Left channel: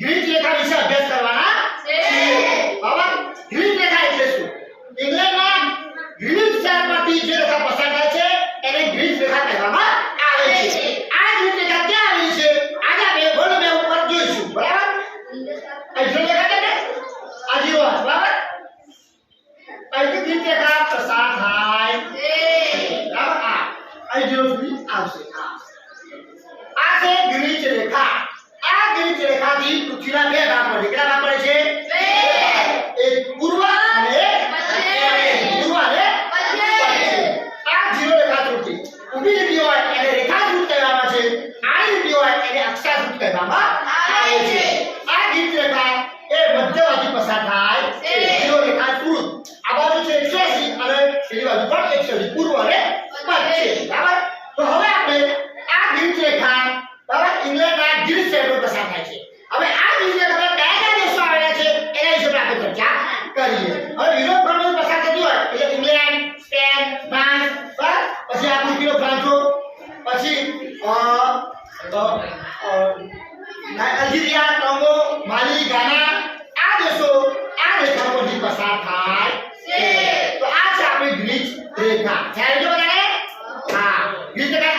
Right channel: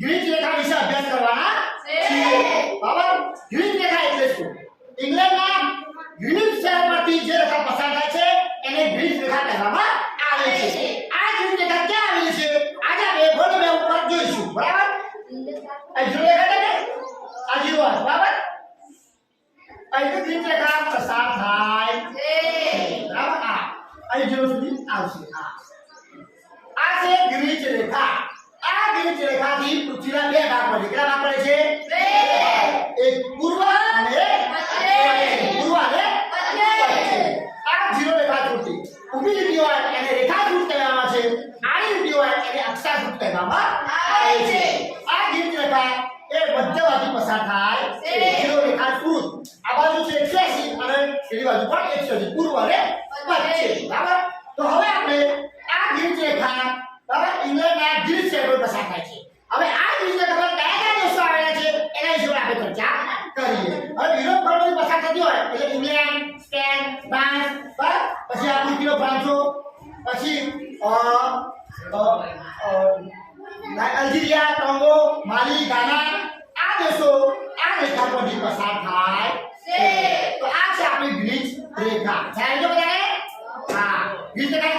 Greek રેખા વિશે અભ્યાસ કરવાના છે. છીએ. બરાબર? ગ્રીક રેખા એટલે શું? ઇંગ્લેન્ડના ગ્રીક શહેરમાંથી જે રેખા પસાર થાય છે એને ગ્રીક રેખા કહેવામાં આવે છે. આ ગ્રીક રેખા ક્યાં આવેલી છે? આજે આપણે વર્લ્ડ મેપ ઉપર જોઈશું. બરાબર? અહીં રેખા છે ને? આ જીરો બરાબર? અહીં ગ્રીક રેખા પસાર થાય બરાબર? આ અહીં જીરો સુધી આવશે. આ આ છે ગ્રીક રેખા. ગ્રીક રેખાથી પૃથ્વીના બે ભાગ પડે કેટલા ભાગ પડે છે? એક પૂર્વ અને પૂર્વ અને પશ્ચિમ. આ જીરો રેખા ત્રુટી ઊભી લીટી હોય એને રેખાકૃત કહેવામાં છે. આડી લીટી હોય એને અક્ષાકૃત કહેવામાં આવે છે. આ ગ્રીક રેખા એ મધ્યમાંથી પસાર થાય છે. જીરો રેખા ત્રુટ આ બાજુ છે 180 અને પેલી બાજુ પણ 180 પૂર્વ અને પશ્ચિમ. બરાબર? તો હવે આપણે આ ગ્રીક રેખા બરાબર ઇંગ્લેન્ડના ગ્રીક શહેર પર પસાર થાય છે. હવે આ ગ્રીક રેખા પર કયા કયા દેશો આવેલા છે એના વિશે પણ આપણે ચર્ચા કરીએ. હવે યુરોપ ખંડમાંથી પસાર થતી હોય, એટલે ઇંગ્લેન્ડ, સ્પેન, ફ્રાન્સ પર પછી આ બુર્કિનો ફાસો પછી અલ્જીરિયા ટોંગો માલી, ગાના, આ દેશો આ રેખા પરથી પસાર થાય છે. તો આ છે આપણી ગ્રીક રેખા. ખ્યાલ છે બધાને? હા. ગ્રીક રેખા